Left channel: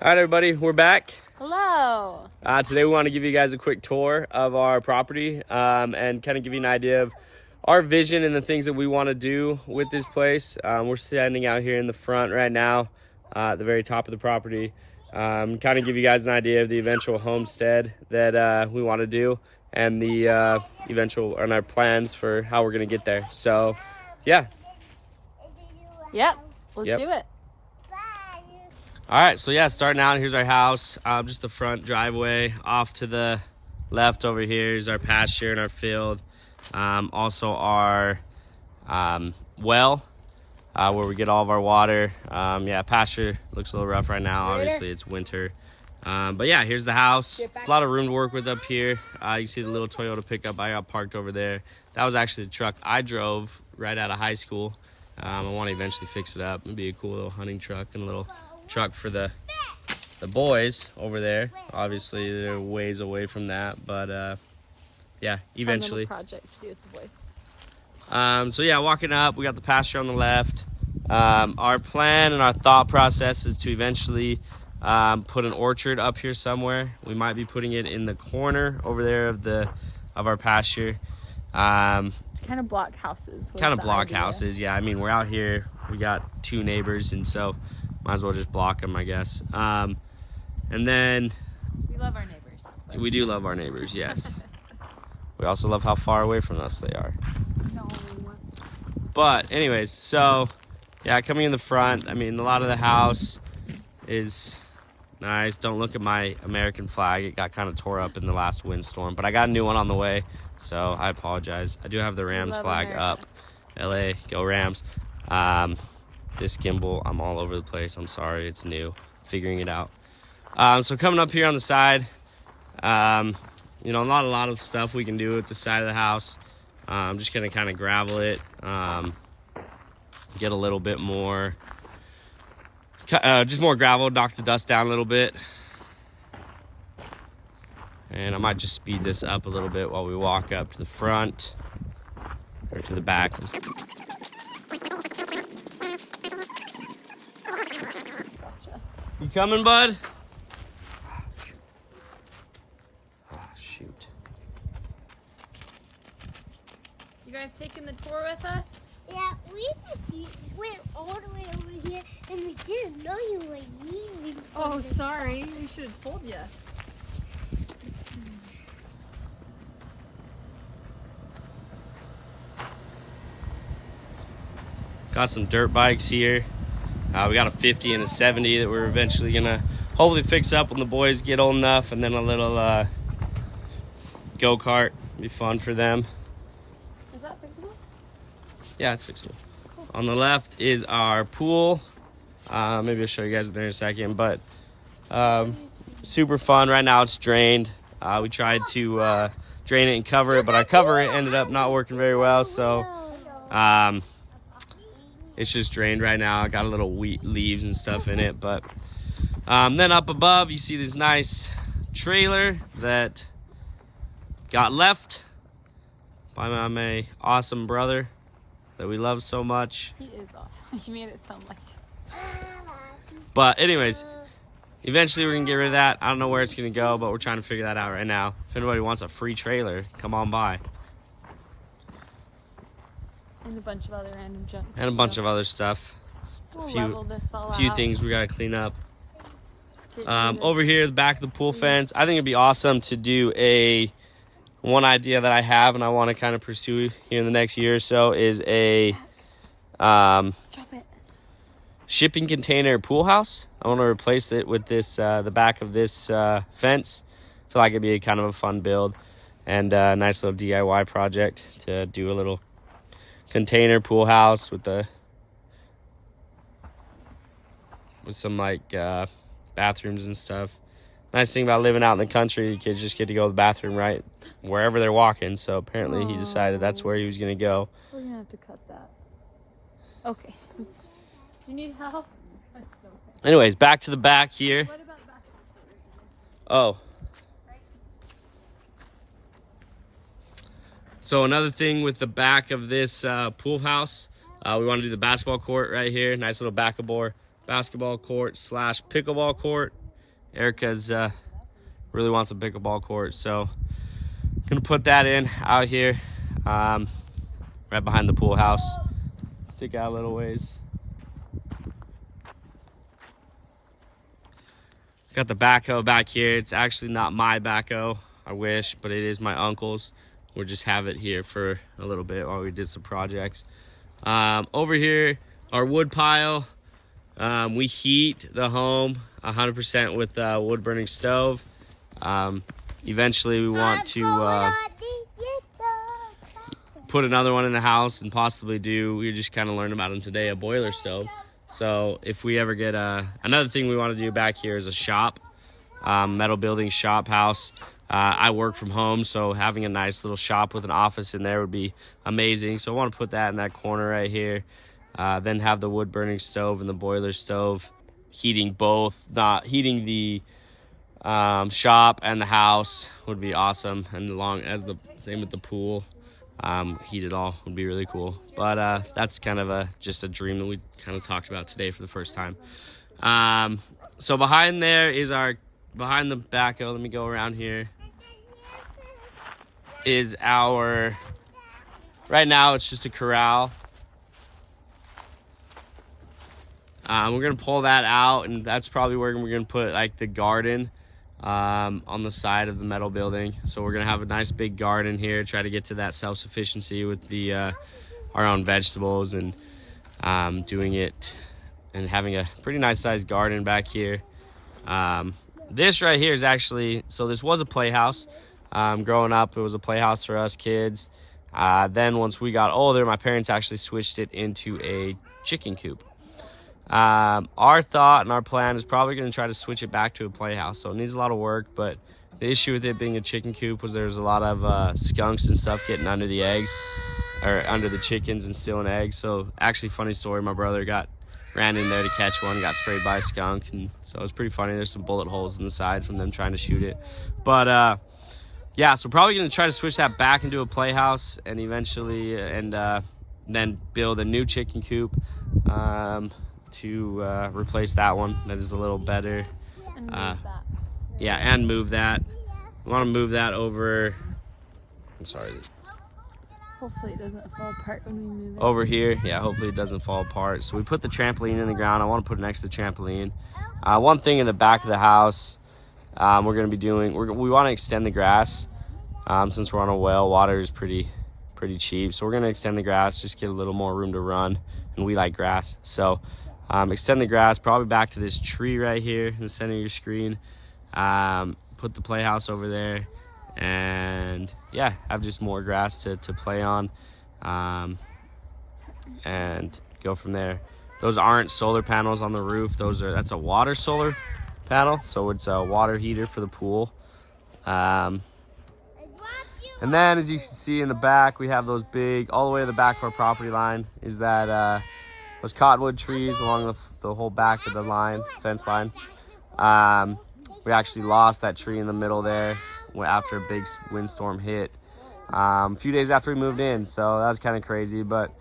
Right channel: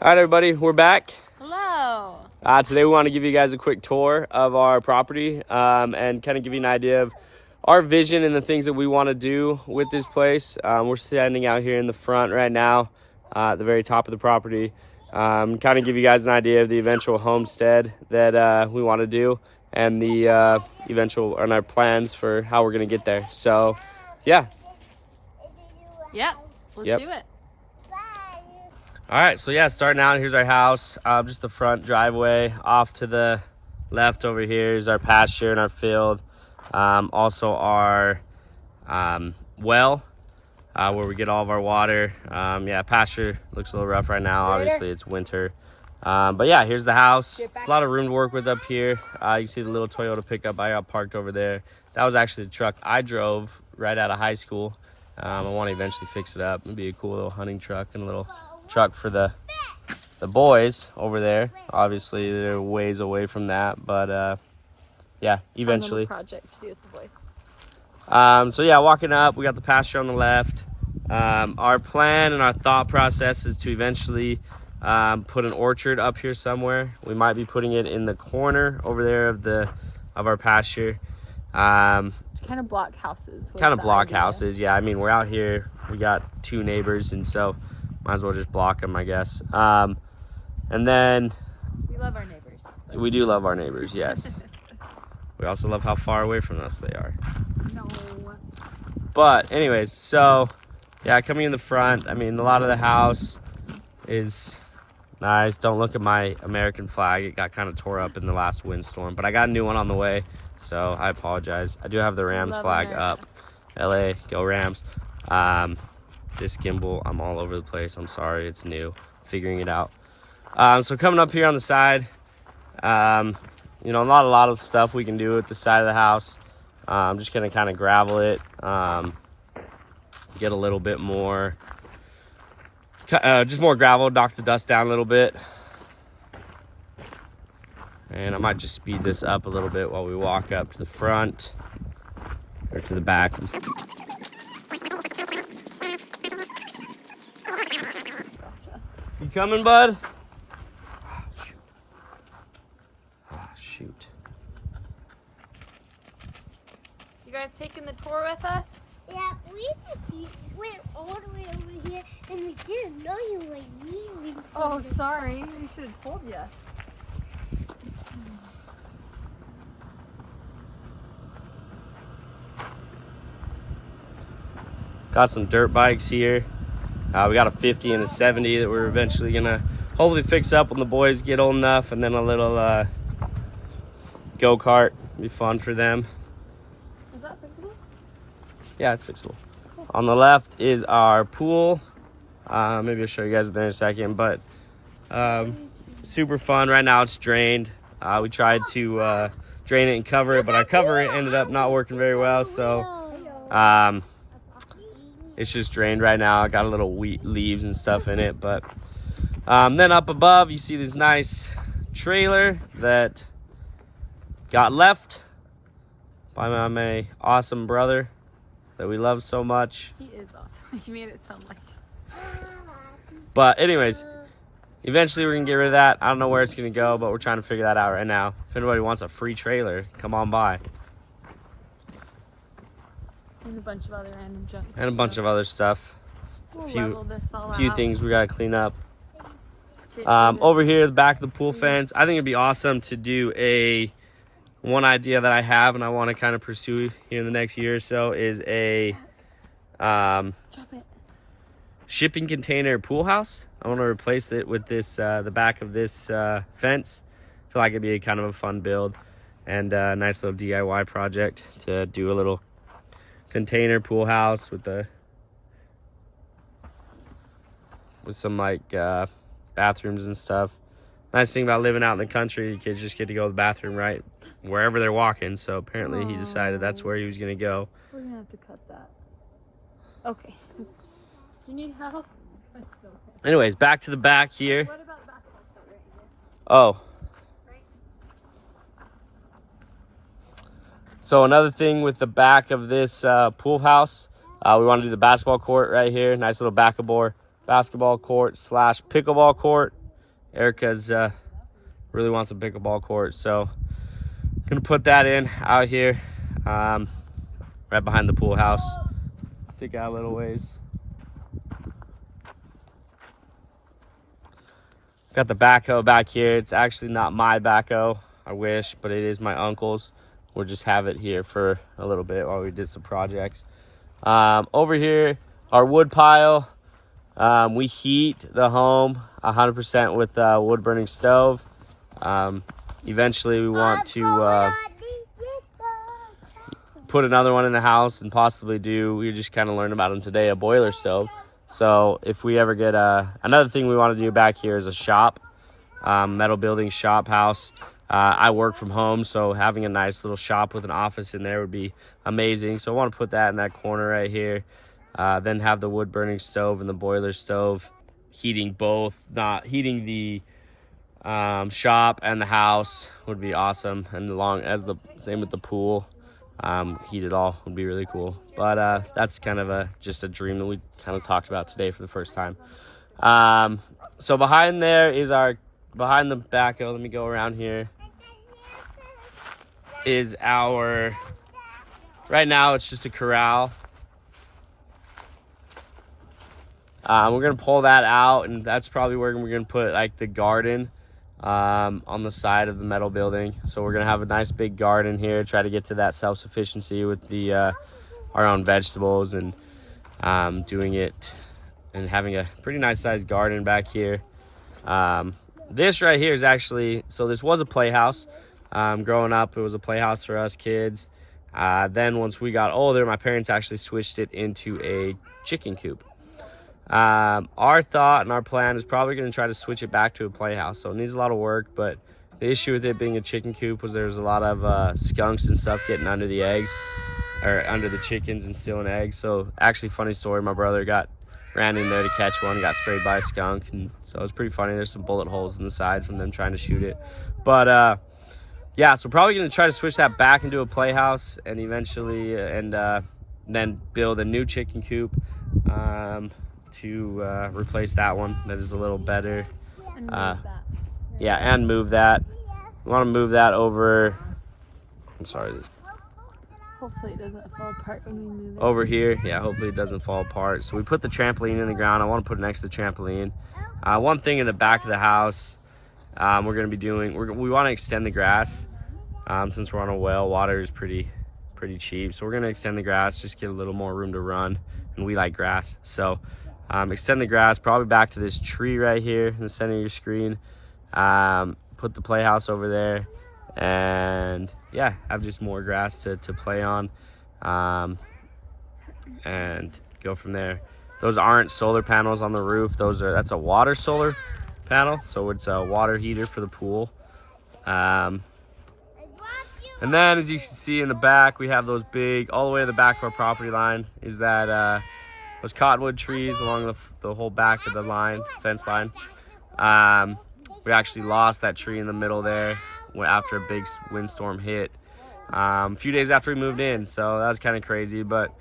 All right, everybody, we're back. Hello. Today we want to give you guys a quick tour of our property and kind of give you an idea of our vision and the things that we want to do with this place. We're standing out here in the front right now at the very top of the property. Kind of give you guys an idea of the eventual homestead that we want to do and the eventual and our plans for how we're going to get there. So, yeah. Yep. Let's do it. All right, so yeah, starting out, here's our house, just the front driveway. Off to the left over here is our pasture and our field. Also our well, where we get all of our water. Yeah, pasture looks a little rough right now. Obviously, it's winter. But yeah, here's the house. A lot of room to work with up here. You see the little Toyota pickup I got parked over there. That was actually the truck I drove right out of high school. I want to eventually fix it up. It'd be a cool little hunting truck and a little truck for the boys over there. Obviously they're ways away from that, but yeah, eventually project to do with the boys. So yeah, walking up, we got the pasture on the left. Our plan and our thought process is to eventually put an orchard up here somewhere. We might be putting it in the corner over there of our pasture. Kind of block houses. Houses, yeah. I mean, we're out here, we got 2 neighbors, and so might as well just block them, I guess. And then we love our neighbors. We do love our neighbors, yes. We also love how far away from us they are. No. But anyways, so yeah, coming in the front, I mean, a lot of the house is nice. Don't look at my American flag. It got kind of tore up in the last windstorm, but I got a new one on the way, so I apologize. I do have the Rams flag up. LA, go Rams. This gimbal, I'm all over the place. I'm sorry, it's new. Figuring it out. So coming up here on the side, you know, not a lot of stuff we can do at the side of the house. I'm just gonna kind of gravel it, get a little bit more, just more gravel, knock the dust down a little bit. And I might just speed this up a little bit while we walk up to the front or to the back. You coming, bud? Shoot. You guys taking the tour with us? Yeah, we went all the way over here and we didn't know you were leaving. Oh, sorry. We should have told you. Got some dirt bikes here. We got a 50 and a 70 that we're eventually gonna hopefully fix up when the boys get old enough, and then a little go-kart. Be fun for them. Is that fixable? Yeah, it's fixable. On the left is our pool. Maybe I'll show you guys there in a second, but super fun. Right now it's drained. We tried to drain it and cover it, but our cover ended up not working very well, so it's just drained right now. I got a little wheat leaves and stuff in it, but then up above you see this nice trailer that got left by my awesome brother that we love so much. He is awesome. You made it sound like it. But anyways, eventually we're gonna get rid of that. I don't know where it's gonna go, but we're trying to figure that out right now. If anybody wants a free trailer, come on by. And a bunch of other random junk. And a bunch of other stuff. We'll A few things we gotta clean up. Over here, the back of the pool fence, I think it'd be awesome to do one idea that I have and I want to kind of pursue here in the next year or so is a shipping container pool house. I want to replace it with this the back of this fence. I feel like it'd be kind of a fun build and a nice little DIY project to do a little container pool house with some like bathrooms and stuff. Nice thing about living out in the country, you kids just get to go to the bathroom right wherever they're walking. So apparently he decided that's where he was gonna go. We're gonna have to cut that. Okay. Do you need help? Anyways, back to the back here. What about the basketball court right here? Oh. So another thing with the back of this pool house, we want to do the basketball court right here. Nice little basketball court / pickleball court. Erica's really wants a pickleball court, so gonna put that in out here, right behind the pool house. Stick out a little ways. Got the backhoe back here. It's actually not my backhoe, I wish, but it is my uncle's. We'll just have it here for a little bit while we did some projects. Over here, our wood pile. We heat the home 100% with a wood burning stove. Eventually we want to put another one in the house and possibly we just kind of learned about them today, a boiler stove. So if we ever get another thing we want to do back here is a shop, metal building shop house. I work from home, so having a nice little shop with an office in there would be amazing. So I want to put that in that corner right here. Then have the wood burning stove and the boiler stove heating both. Not heating the shop and the house would be awesome, and along as the same with the pool. Heat it all would be really cool. But that's kind of just a dream that we kind of talked about today for the first time. So behind there is behind the backhoe. Let me go around here. Is right now it's just a corral. We're gonna pull that out, and that's probably where we're gonna put like the garden on the side of the metal building. So we're gonna have a nice big garden here, try to get to that self-sufficiency with the our own vegetables, and doing it and having a pretty nice sized garden back here. This right here is actually, so this was a playhouse. Growing up, it was a playhouse for us kids. Then once we got older, my parents actually switched it into a chicken coop. Our thought and our plan is probably going to try to switch it back to a playhouse. So it needs a lot of work, but the issue with it being a chicken coop was there's a lot of skunks and stuff getting under the eggs, or under the chickens and stealing eggs. So actually, funny story, my brother ran in there to catch one, got sprayed by a skunk, and so it was pretty funny. There's some bullet holes in the side from them trying to shoot it. But yeah, so probably going to try to switch that back into a playhouse, and eventually then build a new chicken coop to replace that one that is a little better. And yeah, and move that. We want to move that over. I'm sorry. Hopefully it doesn't fall apart when we move it. Over here, yeah, hopefully it doesn't fall apart. So we put the trampoline in the ground. I want to put it next to the trampoline. One thing in the back of the house, we're going to be doing, we want to extend the grass. Since we're on a well, water is pretty cheap. So we're going to extend the grass, just get a little more room to run. And we like grass. So extend the grass probably back to this tree right here in the center of your screen. Put the playhouse over there, and yeah, have just more grass to play on, and go from there. Those aren't solar panels on the roof. That's a water solar panel, so it's a water heater for the pool. And then, as you can see in the back, we have those big, all the way to the back of our property line is that those cottonwood trees along the whole back of the fence line. We actually lost that tree in the middle there after a big windstorm hit a few days after we moved in, so that was kind of crazy. But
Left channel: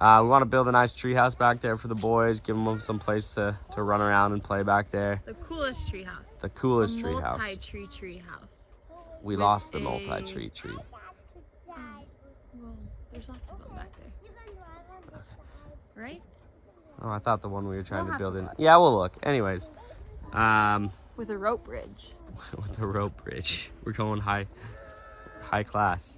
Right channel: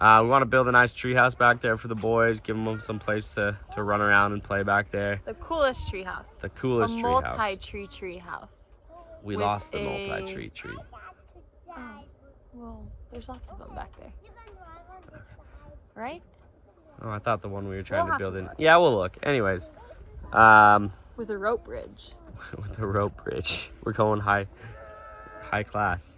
we want to build a nice tree house back there for the boys, give them some place to run around and play back there. The coolest tree house. The coolest tree house. Multi-tree tree house. We lost the multi-tree tree. Oh, well, there's lots of them back there. Okay. Right? Oh, I thought the one we were trying to build in. Yeah, we'll look. Anyways. With a rope bridge. With a rope bridge. We're going high class.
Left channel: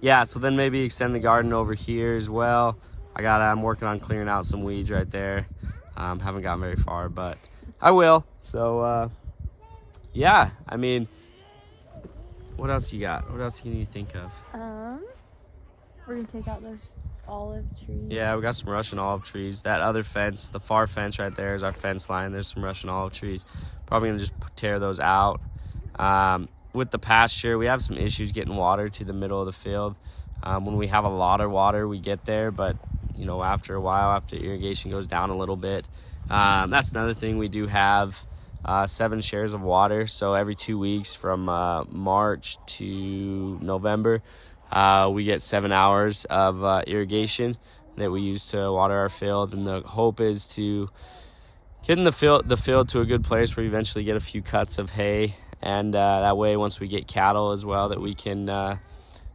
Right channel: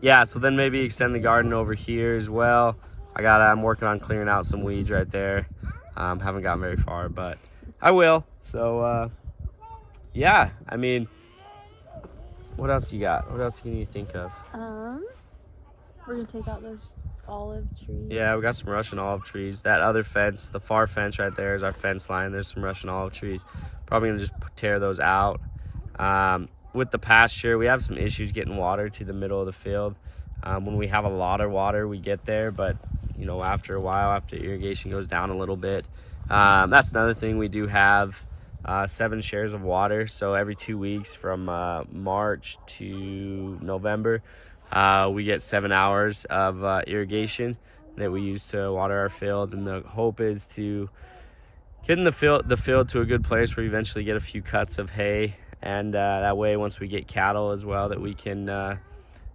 Yeah, so then maybe extend the garden over here as well. I'm working on clearing out some weeds right there. Haven't gotten very far, but I will. So, yeah, I mean, what else you got? What else can you think of? We're gonna take out those olive trees. Yeah, we got some Russian olive trees. That other fence, the far fence right there is our fence line. There's some Russian olive trees. Probably gonna just tear those out. With the pasture, we have some issues getting water to the middle of the field. When we have a lot of water, we get there, but you know, after a while, after irrigation goes down a little bit. That's another thing. We do have 7 shares of water, so every 2 weeks from March to November, we get 7 hours of irrigation that we use to water our field, and the hope is to getting the field to a good place where we eventually get a few cuts of hay, and that way once we get cattle as well, that we can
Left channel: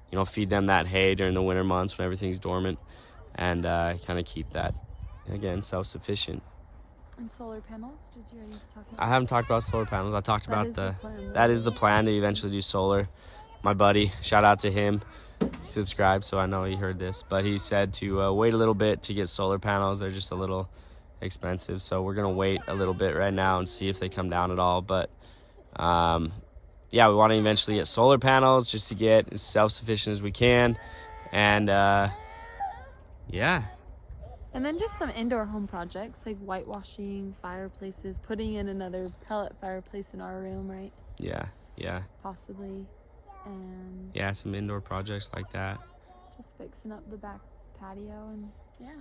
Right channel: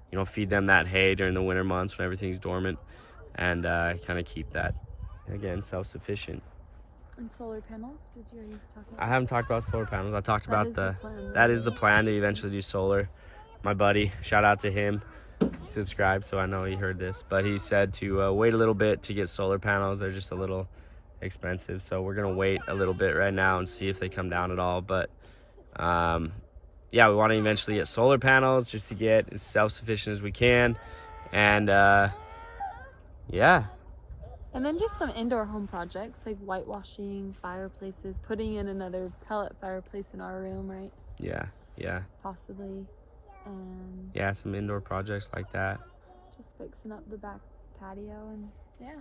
you know, feed them that hay during the winter months when everything's dormant, and kind of keep that, again, self-sufficient. And solar panels? Did you already talk about I haven't talked about solar panels. I talked about plan, that is the plan to eventually do solar. My buddy, shout out to him, he subscribed, so I know he heard this, but he said to wait a little bit to get solar panels. They're just a little expensive, so we're gonna wait a little bit right now and see if they come down at all. But yeah, we want to eventually get solar panels just to get as self-sufficient as we can, and yeah. And then just some indoor home projects like whitewashing, fireplaces, putting in another pellet fireplace in our room, right? Yeah, Possibly. And yeah, some indoor projects like that. just fixing up the back patio, and yeah,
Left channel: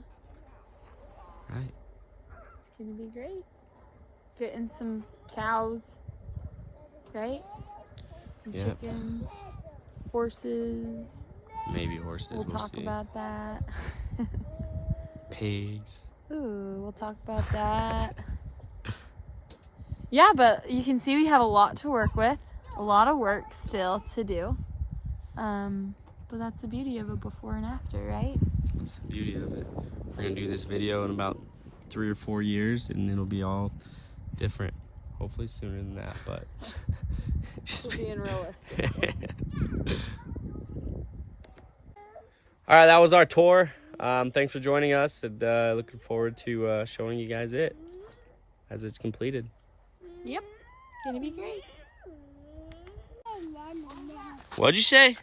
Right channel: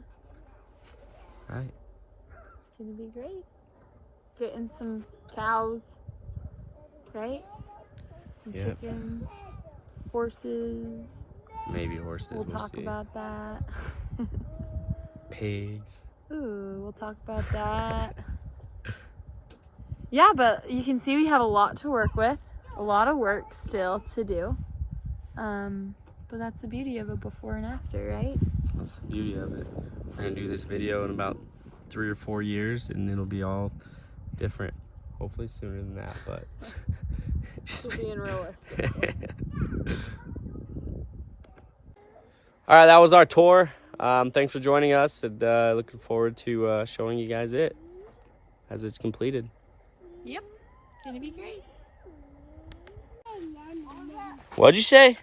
Right. it's gonna be great. Getting some cows, right? Some Yeah. chickens, horses. Maybe horses, We'll we'll talk see. about that. Pigs. Ooh, we'll talk about that. Yeah, but you can see we have a lot to work with. A lot of work still to do. But that's the beauty of a before and after, right? That's the beauty of it. We're gonna do this video in about 3 or 4 years, and it'll be all different. Hopefully sooner than that, but just Being realistic. All right, that was our tour. Thanks for joining us, and looking forward to showing you guys it as it's completed. Yep, gonna be great. What'd you say?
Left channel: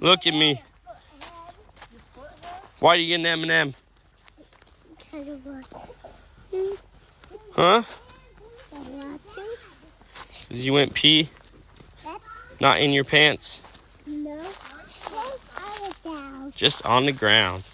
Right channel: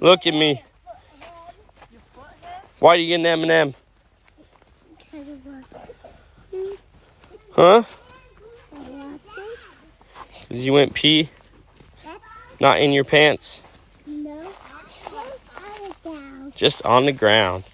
Look at me. Why are you getting M&M? Huh? Because you went pee? Not in your pants? No. Just on the ground.